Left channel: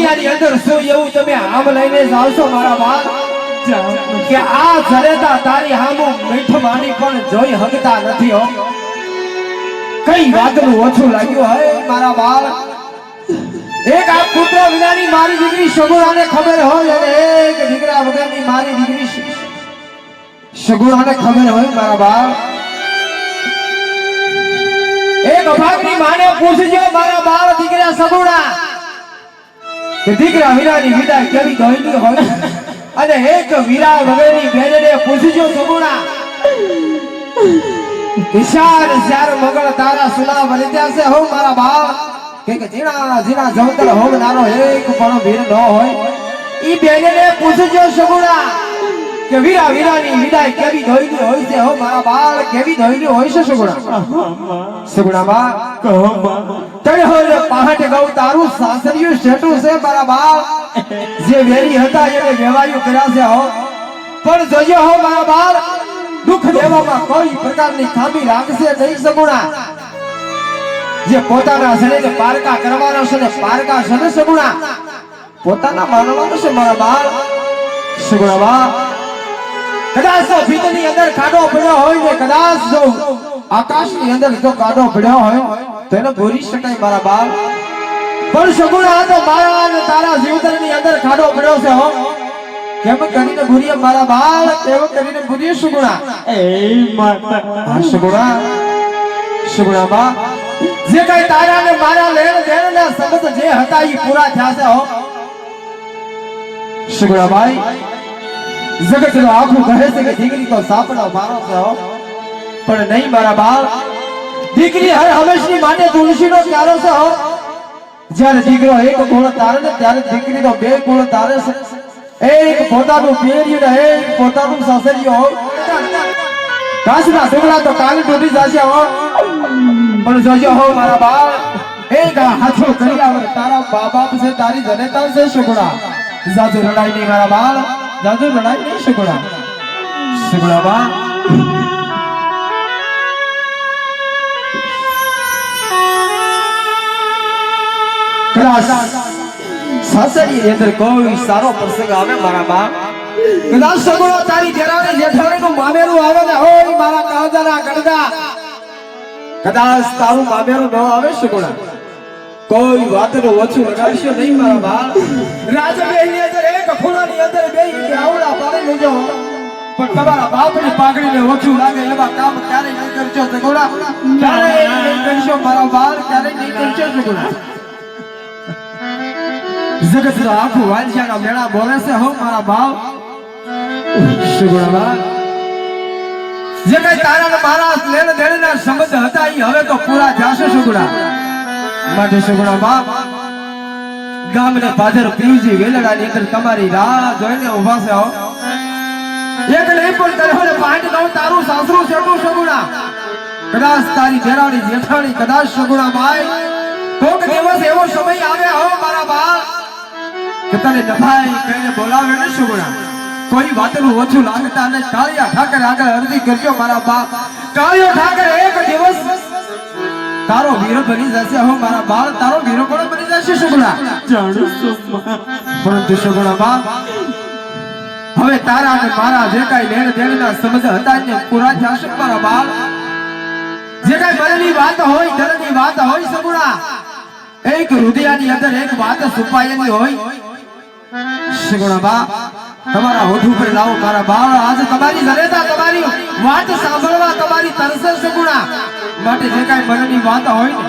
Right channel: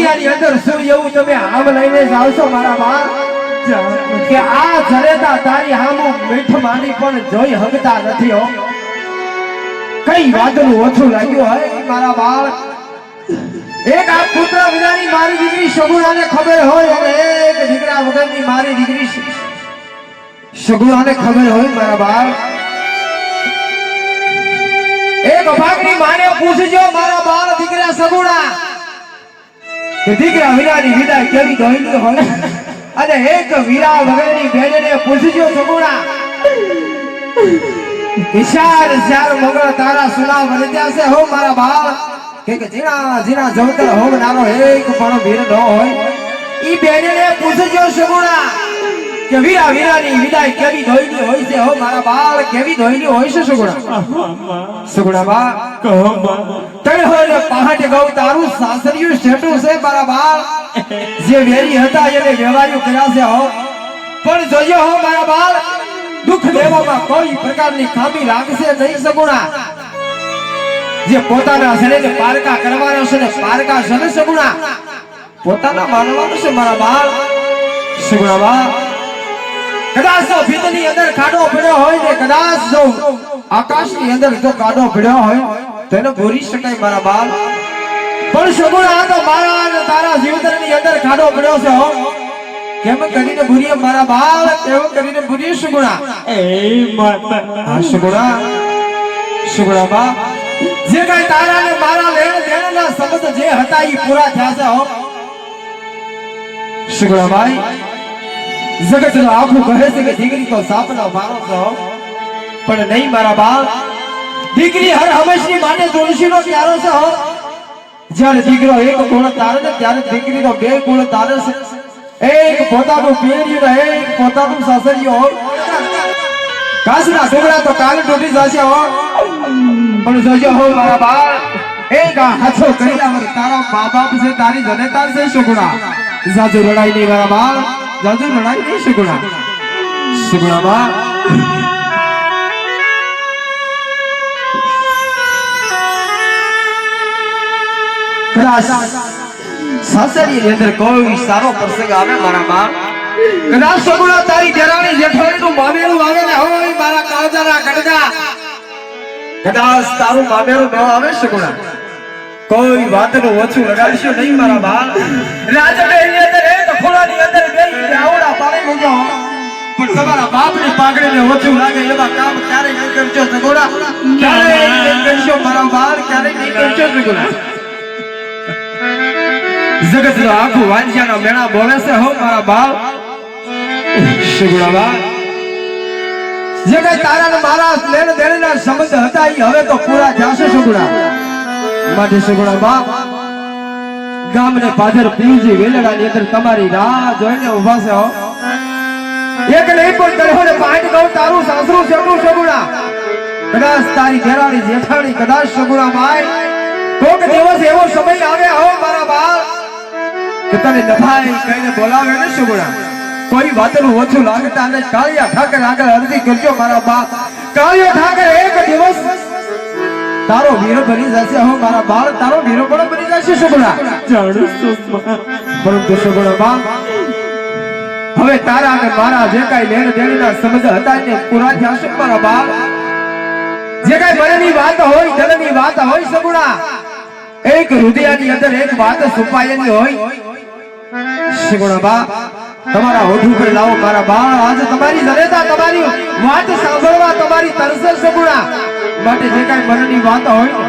રુદિયાની અંદર શું એવું તમે આમ લઈને જાવશો મારા બા કે આ જરેતા તારી હામું મીઠ માની પણ જોઈ હગતા નથી હો કઈ વાતનું ઓછું લાગ્યું હે મારા બાળ એક આ પુત્ર વિનાની મારી દીકરી સગુણાને ખબર હોય અને એક દીકરા વગરની મારી દીકરી સગુણાને ખબર હોય મારા બાળ એક અભાગની માને પૂછજો મારા બાળ દીકરા સગુણા કે દીકરા વિનાની વિદાય કેવી ગઈ હોય અને એક વીરા વગરની બેનને પૂછજો સગુણા ઈશાર ચાર મગળ તારા સુના વરદ્યા છે હો મારા બાળ કે જીણા જીણા જવતર હોમ નાનો એક પણ ભીર ન હોય ઈ બેનને પૂછજો સગુણા કે વીરા વીરાની વિદાય કેવી ધોઈની હોય છે હો મારા બાળ કેવી ધોઈની હોય છે સગુણા સગુણા બા કહો બા તને હોય પહાટે ગૌ તારું સાસરિયું શેઠું છે મારા બાળ જે વેરી હતા એને વેવાયું કર્યા છે હો પણ જોજો હો મારા બાળ દુઃખ દેવામાં કોઈ પ્રકારની ખામી રાખશે નહીં સગુણા જે પોતાના શરીરને પારકા કરવાના છે ને પારકા છે ને સગુણા પોતાના માનવાનું છે મારા બાળ સગુણા બા કદાચ જો ભીતની અંદર કાડો પડ્યો હોય ને કદાચ જો આકાશની અંદર જો કાડો પડ્યો હોય તો એને ભૂરી શકાય મારા બાળ પણ સગુણા તો મારા અને તારા જીવતરની અંદર કાડો પડ્યો છે હો કેમ કરીને ભૂરીએ મારા બાળ કેમ કરીને ભૂરીએ સગુણા એ માતા હા સગુણા સગુણા બા જે કઈ તારા ને મારા લેણ દેણના સંબંધ જે હતા ઈ પૂરા થયા છે હો સગુણાભાઈ જગતનું આખું કહે છે કે દીકરી તો સાપના મારો છે હો પણ નહીં મારા બાળ દીકરી હર હંમેશની માટે તુલસીનો પ્યારો છે હો જ્યારે દીકરો એક ગુણ તારે ને ત્યારે દીકરીનો બે ગુણ તારે છે એક પોતાનું પિયરિયું ને એક પોતાનું સાસરિયું હોય કાસના ટુકડા તો કાલી ડૂબી જશે હો પણ જોજો હો મારા બાળ એક હાથો કર્યા વગર તારા મા બાપ છે તારી જનેતા છે સગુણા જાજુ લડાઈ નહીં મારા બાળ જાજુ લડાઈ નહીં સગુણા સગુણા બા સાસરીની અંદર કોઈ સારો પ્રસંગ આવે મારા બા કદાચ સગુણા તારી દેરાણી જેઠાણી નું મામેરું આવે ને હોય મારા કાવજાના ગડગા કદાચ તારું મામેરું ન આવે સગુણા કોઈ વાતનું ઓછું લગાડશો નહીં મારા બા રાજમહેલની અંદર એક ખૂણાની અંદર બેહીને આવડા પાડી લેજો પણ તમારા બાપની પાઘડીને ઓછું લાગે એવા કામ ક્યારે નહીં કરજો સગુણા ક્યારે નહીં કરશો મારા બા ક્યારે નહીં કરશો સગુણા જગતનો આખું વાંજિયાનો મેળા બોલે છે હો મારા બાળ સગુણા બા જે કઈ તારા ને મારા લેણ દેણના સંબંધ હતા ઈ હવે તો પૂરા થશે સગુણા માટે સગુણા બા ગામને પાદર પીજી વેલડાની અંદર તમારી રાહ જોઈને ઊભા છે હો એક નહીં પણ કહો ને પાંચ ગૌ તારું સાસરું છેટું સગુણા કદાચ તારી દેરાણી જેઠાણી કદાચ સગુણા બાઈ કોક દિવસ એવો સમય આવે હો મારા બાળ કે તને નભાઈ કહીને બોલાવે ને સગુણા કોઈ વાતનું ઓછું લાગતા અને કાળિયા ઠાકર આગળ અરજી કરજો મારા બા કાળિયા ઠાકર એક દિવસ તારો વીર બની જશે હો મારા બાળ તારો વીર પણ બની જશે સગુણા જાણું છું પરંતુ સગુણા બા હવે તારા અને મારા જે કઈ લેણ દેણના સંબંધ હતા ને પૂરા થશે મારા બાળ જે કઈ મનની વાત હોય ધનની વાત હોય સગુણા એક હૃદયની અંદર એક વાત છુપાયેલી હોય સગુણા બા તમારા હોઠ ઉપર લાવો મારા બાળ આજે તમારી જનેતા તમારી વાત સાંભળવા તમારી તરસે સગુણા માટે જે કઈ મનની વાત હોય ને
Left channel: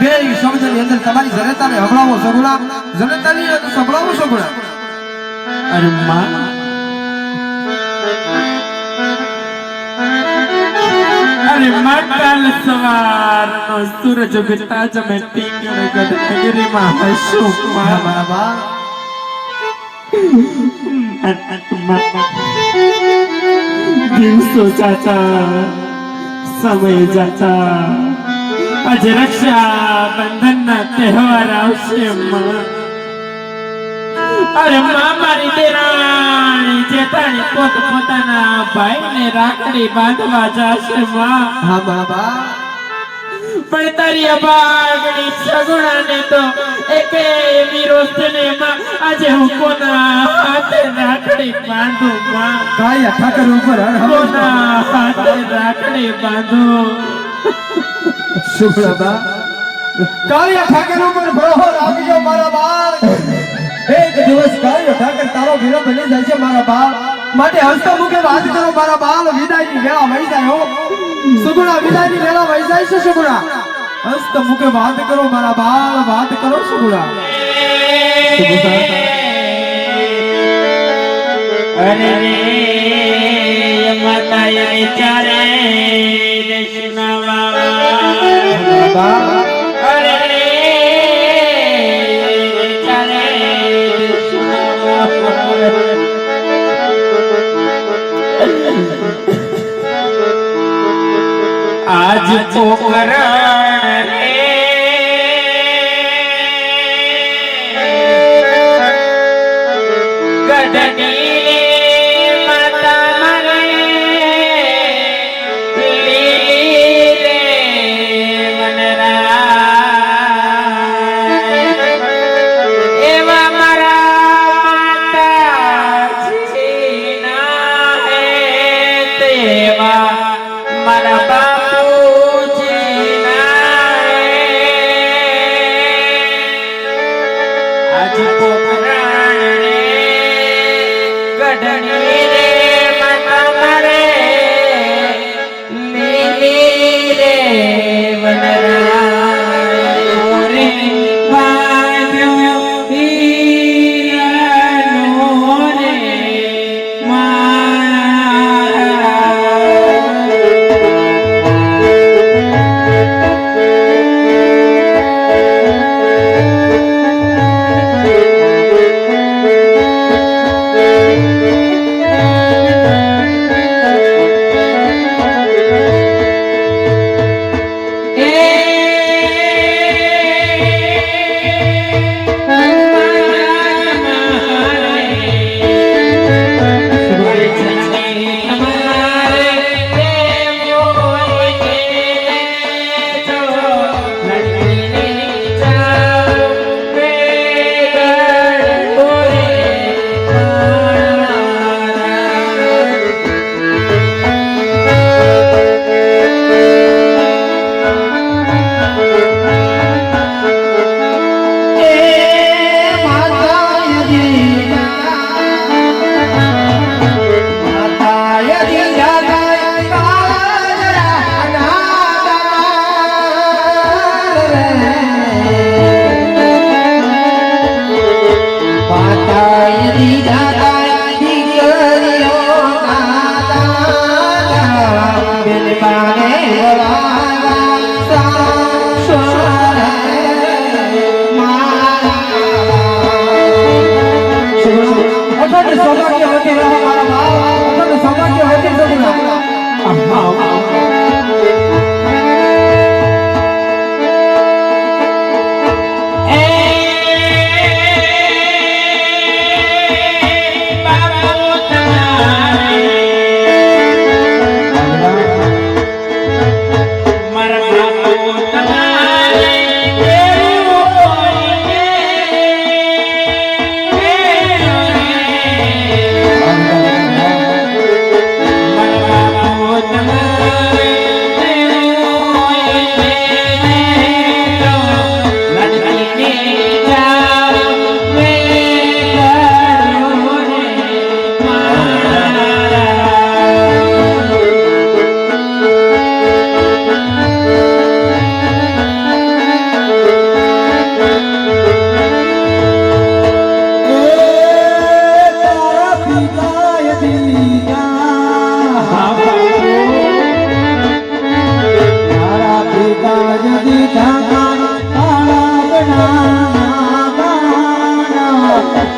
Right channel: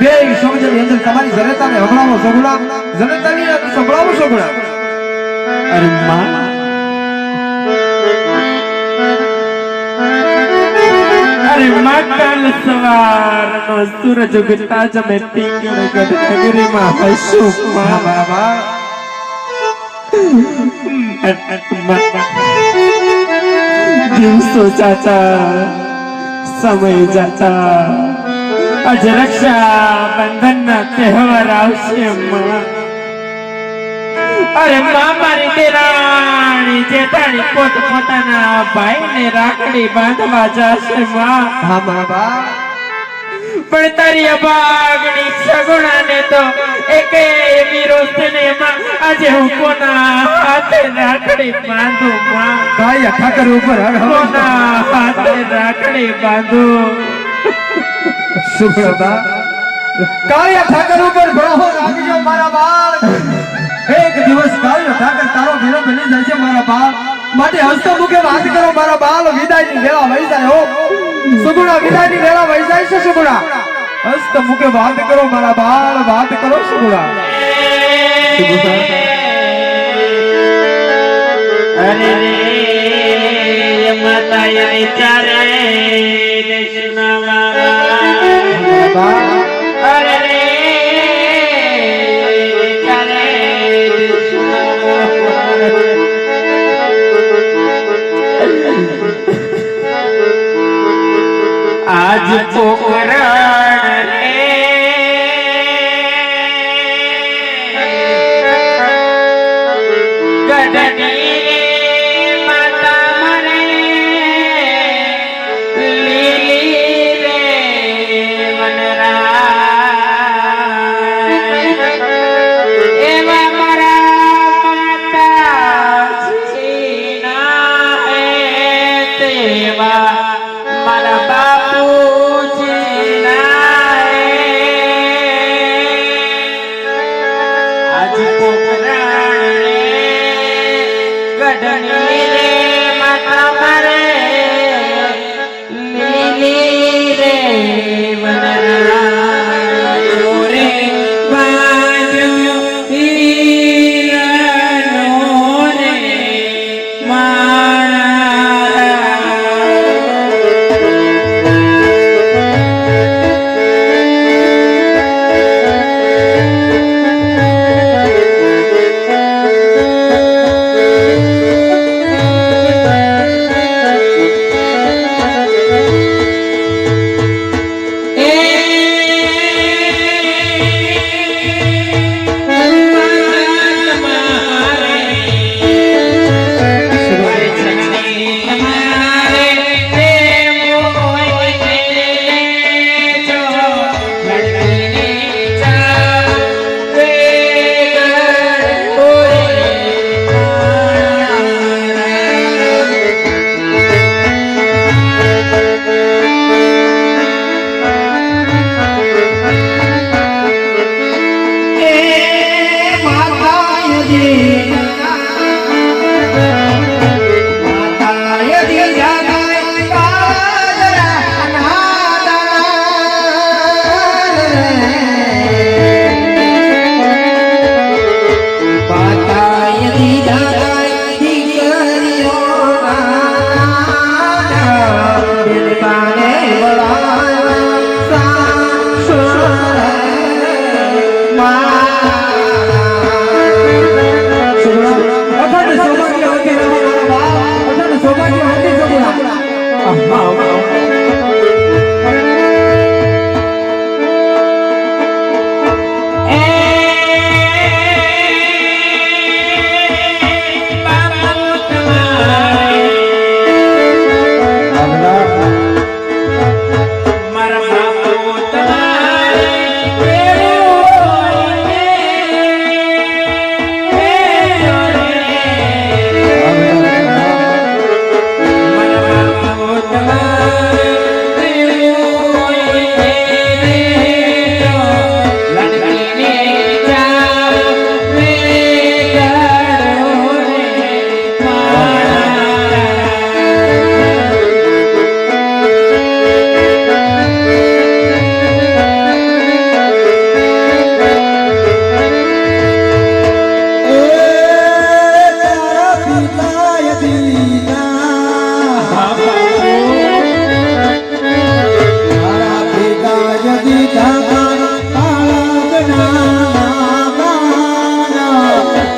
બે શબ્દની અંદર તમારી જનેતાને હંભળાવો સગુણા જનેતાની સંભળાવો સગુણા અરે માં અરે માં કાલ સવારનો સૂરજ ઉગતા જ મેં ટીંગણ ગઢ નગરીમાં હસું માં બરાબર દિવસો ચાચા સમય જાતા આજે રક્ષા બંધન ના તહેવાર આવશે માં અરે માં મારી દેરાણી જેઠાણી પોતાના ભાઈને રાખડી બાંધવા જશે માં હા બરાબર પણ તારી અભાગની સગુણાને તો એકે એવી રોશનીમાં આજે હું કોના હાથે રાખડી બાંધું માં? ભાઈ આ ઠાકર ઉપર હર કોના હાથે રાખડી બાંધું? સુભ્રતા કાળિયા ઠાકર ઉપર ભળો લાગજો મારા બાળ. એક દિવસ કાળિયો ઠાકર તારો વિલંબ બની જાય છે મારા બાળ. માટે હસ્તમુખે વાત કરો મારા બાળ. વિદાયની વેળા વહી જાય હો સુગુણા, વિદાયની વેળા વહી જાય છે સુગુણા. હસ્તમુખે વાત કરો મારા બાળ, વાત કરો સુગુણા. અરે રે માતા એ ચારે દેશના બાબા. અરે રે ચારે દેશના બાબા. આજ પોકરણ રે ગઢની માતા મારે લીલી રે વનરાય. એવા મારા માતાજીના હે તેવા મારા બાપુજીના હે. આજ પોકરણ રે ગઢની રે માતા મારે લીલી રે વનરાય. રે બાંધ્યો હીરાનો રે માળા.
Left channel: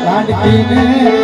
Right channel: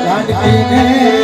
લાડકીને